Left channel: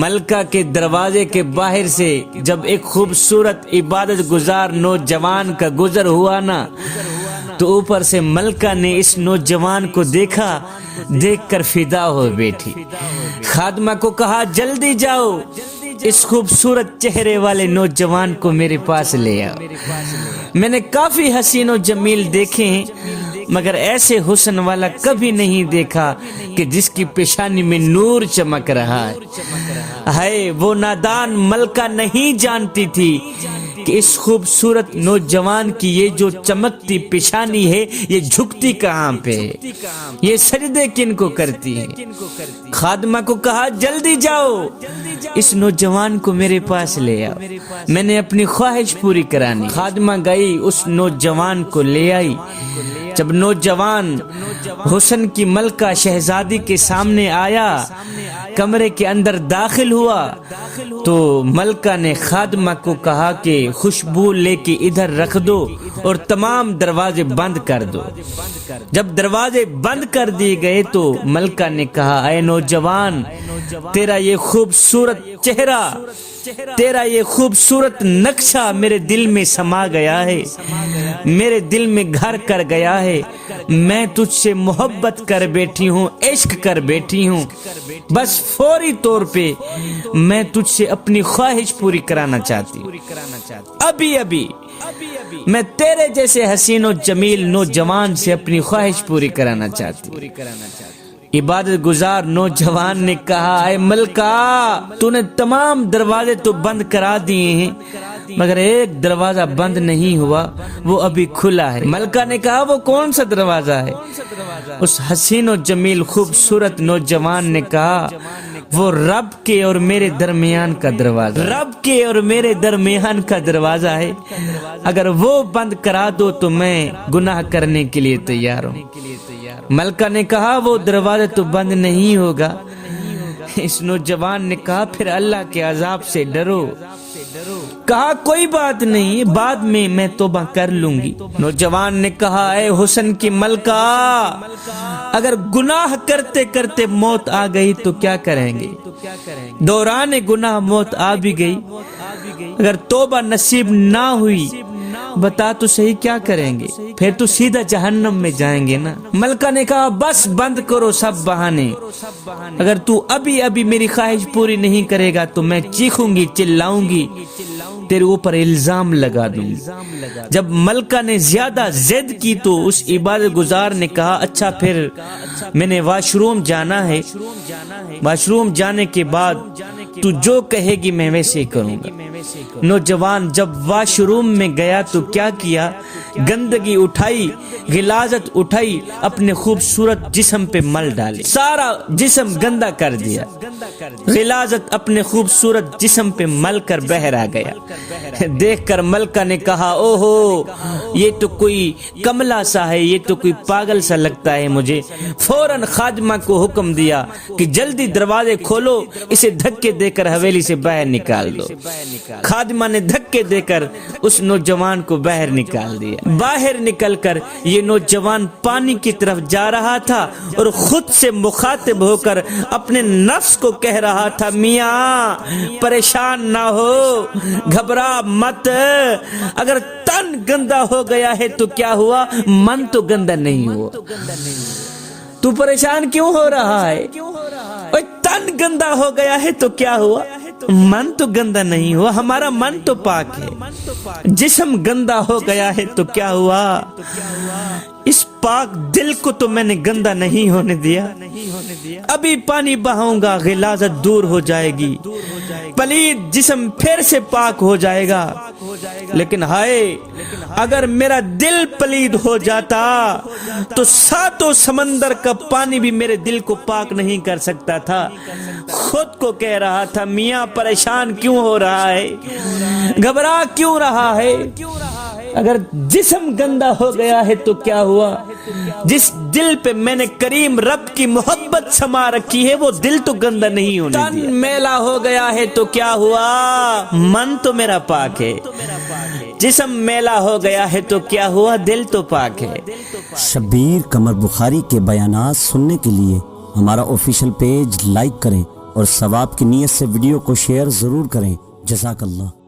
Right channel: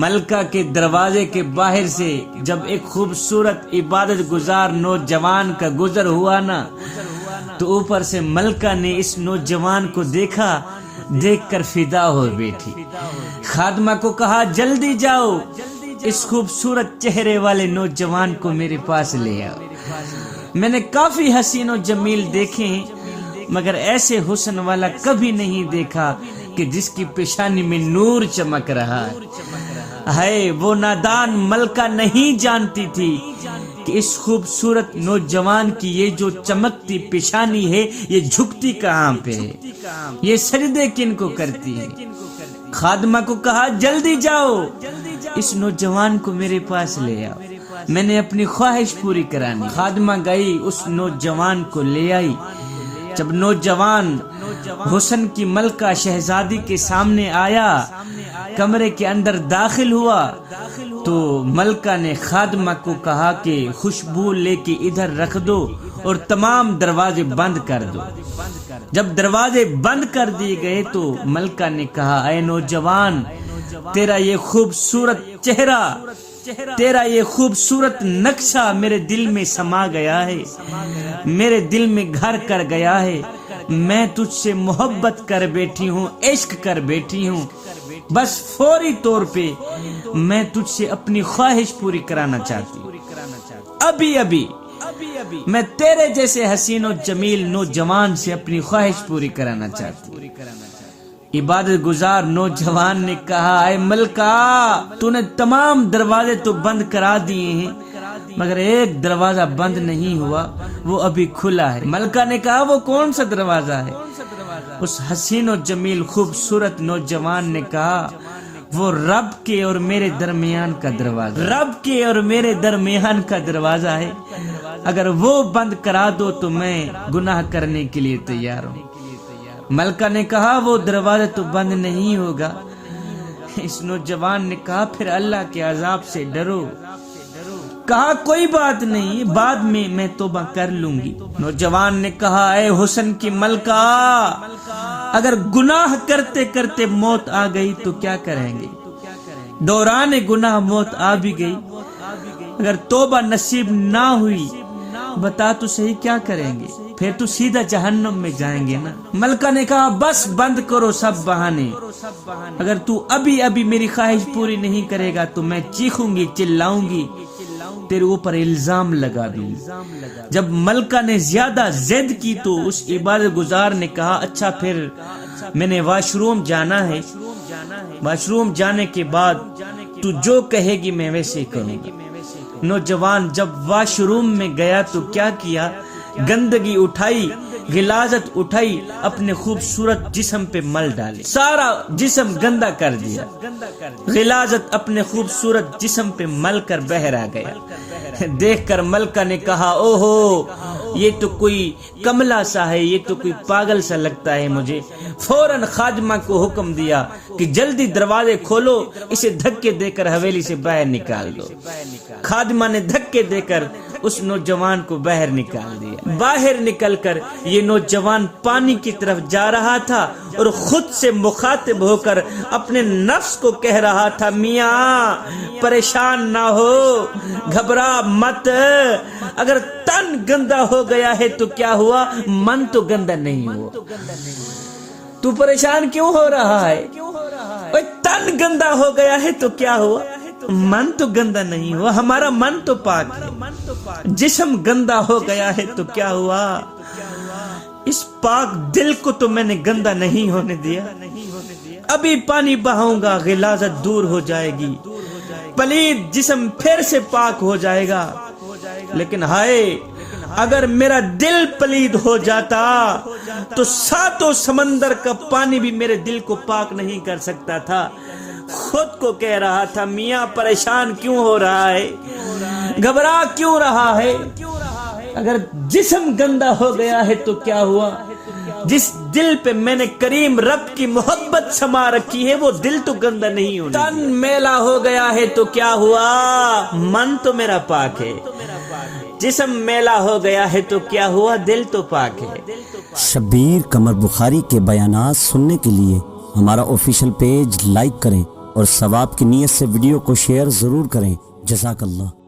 ملکہ کے دروازے کے باہر سے جب ایک خوبصورت عبادت گزار نوجوان کا گزر ہوا نا تو اوپر سے ملکہ نے اس نوجوان کو دیکھا، دیکھ کر فدا ہو بیٹھی۔ خادمہ کو کہا جلدی جاؤ، اس خوبصورت چہرے والے نوجوان کو میرے پاس لے آؤ۔ میں نے کافی حسین و جمیل دیکھے ہیں مگر ایسے حسن والا کبھی نہیں دیکھا کہ جس کی پیشانی میں نور چمک رہا ہے۔ وہ نادان ملکہ نہیں جانتی تھی کہ اس خوبصورت نوجوان کی یہ جو چمکتی پیشانی ہے یہ جھکتی کہاں پہ ہے، یہ سجدے کن کو کرتی ہے۔ خادمہ کو کہا جلدی جاؤ، اس نوجوان کو میرے پاس لے آؤ، میں نے اپنی خواہش پوری کرانی۔ خادمہ گئی، اس نوجوان کو لے آئی۔ جب نوجوان حسن کی ملکہ شہزادی کے سامنے آیا، کمرے کے اندر داخل ہوا تو ملکہ نے خادمہ کو کہا کہ خوشبو لے کے ادھر رکھ دو اور تمام دروازے بند کر دو۔ جب دروازے بند کر دیے گئے تو ملکہ نے کہا اے نوجوان، تیرا یہ خوبصورت چہرہ، تیرا یہ خوبصورت نقشہ میرے دل میں سما گیا ہے، میرے دل میں گھر کر گیا ہے۔ میں تجھ سے محبت کر بیٹھی ہوں، عشق کر بیٹھی ہوں، بس فوری طور پہ میں تجھ سے اپنی خواہش پوری کرانا چاہتی ہوں۔ ابھی ابھی میں تیرے جیسے حسین و جمیل نوجوان سے اپنی خواہش پوری کرانا چاہتی ہوں۔ عبادت گزار نوجوان نے کہا اے ملکہ، تو نے تمام دروازے تو بند کرا دیے ہیں مگر ایک دروازہ بند نہیں ہوا، وہ ابھی کھلا ہے۔ ملکہ نے کہا وہ کون سا دروازہ ہے؟ اس حسین و جمیل خوبصورت نوجوان نے کہا وہ رب کے اور میرے درمیان کا دروازہ، رب کے اور میرے درمیان کا دروازہ ہے، اگر وہ بند کرا دو تو میں گناہ کرنے کے لیے تیار ہوں۔ ملکہ نے کہا وہ دروازہ تو بند نہیں ہوگا۔ اس نوجوان نے کہا پھر اللہ کے عذاب سے ڈرو۔ کہا کوئی بات نہیں، بعد میں توبہ کر لوں گی۔ نوجوان نے کہا اے حسن کی ملکہ، اگر گناہ کرتے کرتے موت آ گئی تو کیا کریں گے؟ دوران گناہ موت آ بھی گئی، اگر توبہ نصیب نہ ہوئی بتا تو صحیح کیا کریں گے؟ پھر تو سیدھا جہنم میں جائیں گے نا۔ ملکہ نے کہا بس بند کرو سب بہانے، اگر تو ابھی میری خواہش پوری نہیں کرے گا تو میں چیخوں گی، چلاؤں گی، تیرے اوپر الزام لگا دوں گی۔ جب ملکہ نے زیادہ ضد کی تو اس عبادت گزار نے کہا اچھا پھر میں نے واش روم جانا ہے، واش روم جانے کے بعد تو جو کہے گی میں ویسے ہی کروں گا۔ نوجوان جب واش روم میں گیا تو کیا کیا؟ گندگی اٹھائی، غلاظت اٹھائی، اپنے خوبصورت جسم پہ مل ڈالی، سارا جسم گندا کر دیا، غلاظت اپنے خوبصورت جسم پہ مل کر بہر آ گیا۔ دیکھ کر ملکہ نے کہا اوہو یہ تو کوئی کملا سا ہے، یہ تو کوئی پاگل سا لگتا ہے مجھے۔ فوراً خادمہ کو حکم دیا کہ جلدی دروازے کھولو، اسے دھکے دے کر حویلی سے باہر نکال دو۔ خادمہ نے دھکے دے کر اس نوجوان کو باہر نکال دیا۔ باہر نکل کر یہ نوجوان پانی کی طرف جا رہا تھا اور خود سے مخاطب ہو کر اپنے نفس کو کہہ رہا تھا میاں پریشان نہ ہو، گھبرا مت، اگر تن گندا ہو گیا ہے تو کیا ہوا، من تو گندا نہیں ہوا۔ تو پریشان کیوں ہو رہا ہے؟ تن گندا ہو گیا ہے تو کیا ہوا، من تو گندا نہیں ہوا، ہمارا من تو پاک ہے۔ جسم گندا ہو گیا ہے تو کیا ہوا، اس پاک دل کو تو میں نے گندا نہیں ہونے دیا۔ ابھی پانی بہاؤں گا، غلاظت دور ہو جائے گی، پلید جسم پھر سے پاک ہو جائے گا۔ لیکن ہائے اگر میرا دل پلید ہو جاتا تو ساتوں سمندر کا پانی بھی میرے دل کو پاک نہیں کر سکتا تھا۔ خود کو کہہ رہا تھا میاں پریشان کیوں ہو رہا ہے، گھبرا کیوں رہا ہے، اگر جسم گندا ہو گیا ہے تو کیا ہوا، جس دل پہ میں نے کریم رب کی محبت سما رکھی ہے وہ دل تو گندا نہیں ہونے دیا۔ تن میلا ہو گیا ہے تو کیا ہوا، من تو میرا پاک ہے۔ جسم میلا ہو گیا ہے تو کیا ہوا، دل تو پاک ہے۔ شبیر قمر بخاری کے بیانات سننے کے لیے ہمارا آفیشیل پیج لائک کریں اور ثواب کی نیت سے ویڈیو کو شیئر ضرور کریں۔ جزاک اللہ۔